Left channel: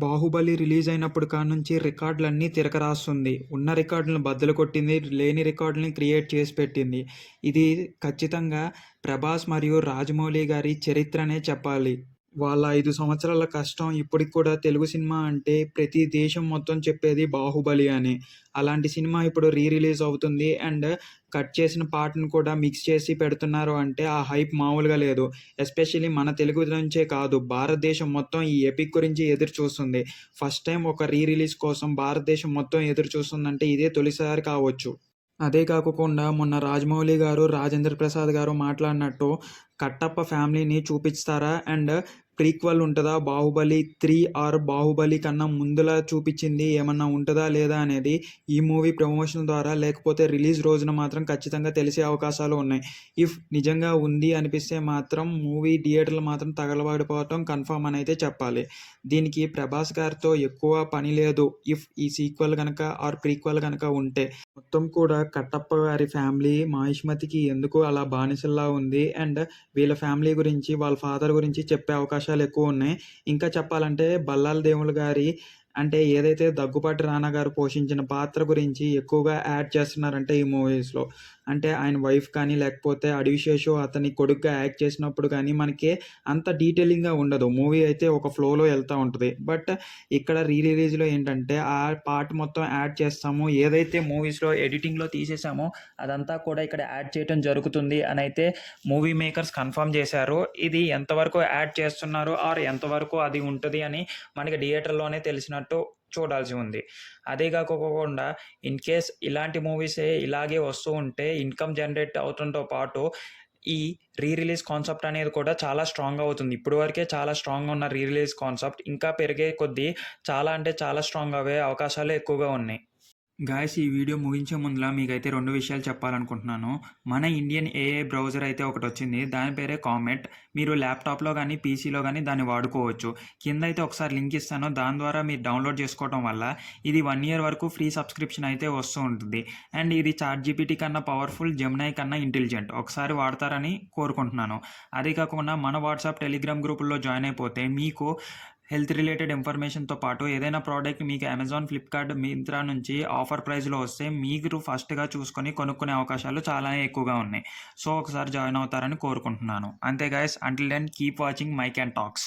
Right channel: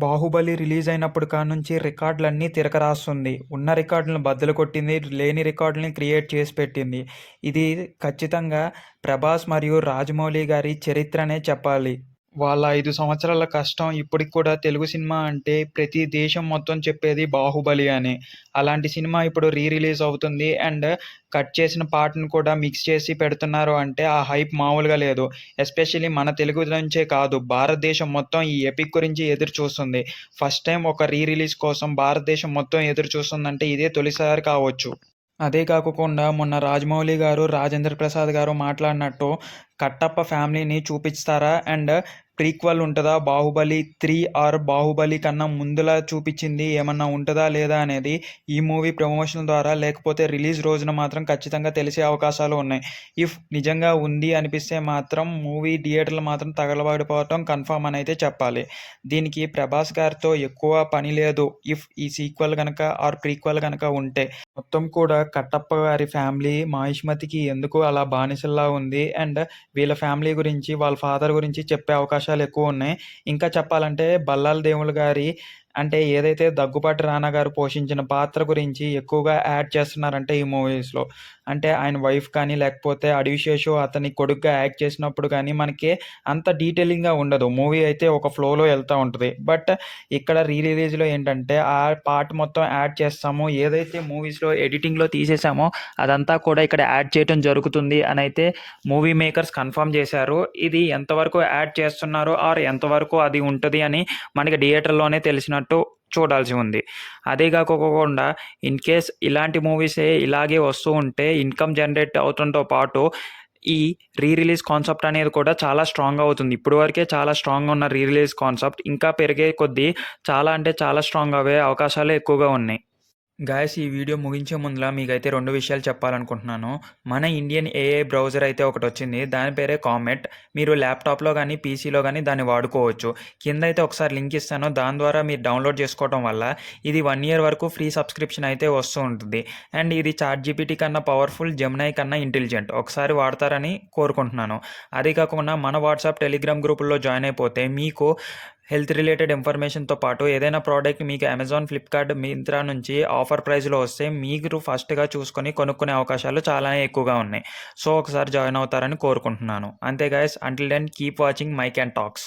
'Baahubali' release అయినప్పుడు కాడ్నుంచి రికార్డులన్నీ తిరగరాస్తుంది. ఉన్న రికార్డులను బద్దలు కొట్టింది. లేని రికార్డుల్ని క్రియేట్ చేసి పెట్టింది. ఇది ఖచ్చితంగా 'ప్రభాస్' మరియు 'రాజమౌళి' గారి చరిత్రనే చెప్పాలి. వాళ్ళ 5 సంవత్సరాల కష్టం ఇప్పటికి కూడా తెలుగు సినిమా అంటే ప్రతి దేశం మొత్తం చెప్పేది 'బాహుబలి' అని. అలాంటి సినిమా ఇప్పుడు రిలీజ్ అవుతుంది. అండ్ కట్ చేసిన పార్ట్‌ని కూడా మిక్స్ చేసి పెడుతున్నారు అంటే ఆ హైప్ మామూలుగా లేదు. ఎస్పెషల్లీ మన తెలుగు నుంచే కాదు, భారతదేశం మొత్తం ఈ ఎపిక్ గురించి ఎదురు చూస్తుంది. ఫస్ట్ టైమ్ ఒక రిలీజ్ కోసం భారతదేశం మొత్తం ఎదురు చూస్తుందంటే ఇదే తొలిసారి కావచ్చు. అదే కాకుండా మొన్న 'రాజమౌళి' గారు, 'రాజేంద్ర ప్రసాద్' గారు మాట్లాడినట్టు కట్టప్ప ఫ్యామిలీని చూపిస్తారా? అండ్ ప్రీక్వెల్ ఉంటదా? 'బాహుబలి 3' ఆర్ 'బాహుబలి' కన్నా ముందులా చూపిచ్చింది ఏమన్నా ఉంటదా? లేదా? అనేది ఈ మూవీ ప్రమోషన్ ద్వారా లేకపోతే రిలీజ్ రోజున మాత్రం ఖచ్చితంగా తెలిసే అవకాశాలు ఉన్నాయి. ఇఫ్ నిజంగా ఉంది అనిపిస్తే మాత్రం మూవీ థియేటర్లు మాత్రం తగలబడిపోవటం కన్ఫర్మ్ అనైతే చెప్పాలి. దీనికి 'ప్రభాస్' గారితో ఎక్కువ పని లేదు. ఇఫ్ ఈ సీక్వెల్ గనక ఆర్ ప్రీక్వెల్ గనక ఉంటే. మొత్తం కూడా కట్టప్ప గారి ఫ్యామిలీ మహిష్మతికి ఎందుకు అలా బానిసల్లా ఉంది. అండ్ వీళ్ళ ఫ్యామిలీ గురించి, వాళ్ళ ఫాదర్ గురించి చెప్పే అవకాశాలు ఎక్కువున్నాయి. ఇంకా చెప్పాలంటే బల్లాల దేవులు గారి అంటే ఏదైతే దగ్గుపాటి రానా గారు పోషించిన పాత్ర గురించి ఎక్కువగా యాడ్ చేస్తున్నారంటే ఈ మూవీస్‌లో. అంటే ఆయన వైఫ్ కానీ, లేకపోతే అడివిశేషు అతని కొడుకుగా యాక్ట్ చేసినప్పుడు గానీ, మనకి అంత డీటెయిలింగ్‌గా ఉండదు. మూవీ అయితే ఒక ఫ్లోలో ఎళ్తా ఉంటది. బట్ ఇక్కడ రిలీజ్‌లో ఏంటంటే, ఆ పార్ట్ మొత్తం యాడ్ చేస్తాము. ఏదైతే మూవీస్‌లో ఎడిటింగ్‌లో తీసేసామో అదంతా కూడా ఇక్కడ యాడ్ చేయటం జరుగుతుంది అనైతే మూవీ మేకర్స్ కన్ఫర్మ్ చేశారు. ఇది ఎంతవరకు యాడ్ చేస్తున్నారు ఆర్ ఎంతవరకు అది ఉంటది అని మనకి థియేటర్‌లోనే తెలిసినట్టు చూడాల్సి ఉంది. అదే కాకోకుండా ఇన్‌కేస్ ఇలాంటి మూవీసే ఇలాగే వస్తూ ఉంటే ఇన్‌కమ్ జనరేట్ అవుతుంతో పాటు ఈ రిలీజ్ కాన్సెప్ట్ అనేది కూడా చాలా స్ట్రాంగ్ అవుతుంది. ఇప్పటి వరకే చాలా స్ట్రాంగ్‌గా ఉన్న రిలీజ్ కాన్సెప్ట్ ఇంకా పెరిగే కొద్దీ చాలా అంటే చాలా స్ట్రాంగ్ అవ్వే అవకాశాలే ఎక్కువగా ఉన్నాయి. గాయ్స్, ఈ వీడియో ముగించే ముందుల మీకైతే 2 విషయాలు చెప్పాలనుకుంటున్నాను. మన ఇండియన్ ఏఐ బ్రౌజర్ అయితే ఒకటొచ్చింది. దాని పేరే కామెట్. మీరు ల్యాప్‌టాప్‌లో గానీ, పీసీలో గానీ దాన్ని వాడుకోవచ్చు. కిందైతే ఒకసారి లింక్ ఇస్తాను. దాని ద్వారా మీరు డౌన్‌లోడ్ చేసుకోవటం వల్ల ఇది 1 ఇయర్ వరకు ఫ్రీ సబ్స్క్రిప్షన్ అయితే వస్తూ ఉంటుంది. అండ్ ఇది చాట్‌జీపీటీ కన్నా పవర్‌ఫుల్, జెమినై కన్నా ఇంటెలిజెంట్. ఒకసారి వాడతారని కోరుకుంటున్నాను. అదే కాకుండా మన వాట్సాప్, టెలిగ్రామ్ గ్రూపుల్లో జాయిన్ అయిపోతే మీకు హెల్త్ రిలేటెడ్ ఇన్ఫర్మేషన్‌తో పాటు ఏదైనా ప్రోడక్ట్ మీకు అమెజాన్, ఫ్లిప్‌కార్ట్, మింత్రా నుంచి ఆఫర్ ప్రైస్‌లో వస్తే మీరు ఫస్ట్‌గా చూసుకొని కొనుక్కునే అవకాశాలు చాలానే ఎక్కువగా ఉన్నాయి. సో, ఒకసారి జాయిన్ అవుతారని కోరుకుంటున్నాను. అంతే guys, until then keep watching Mic and talks.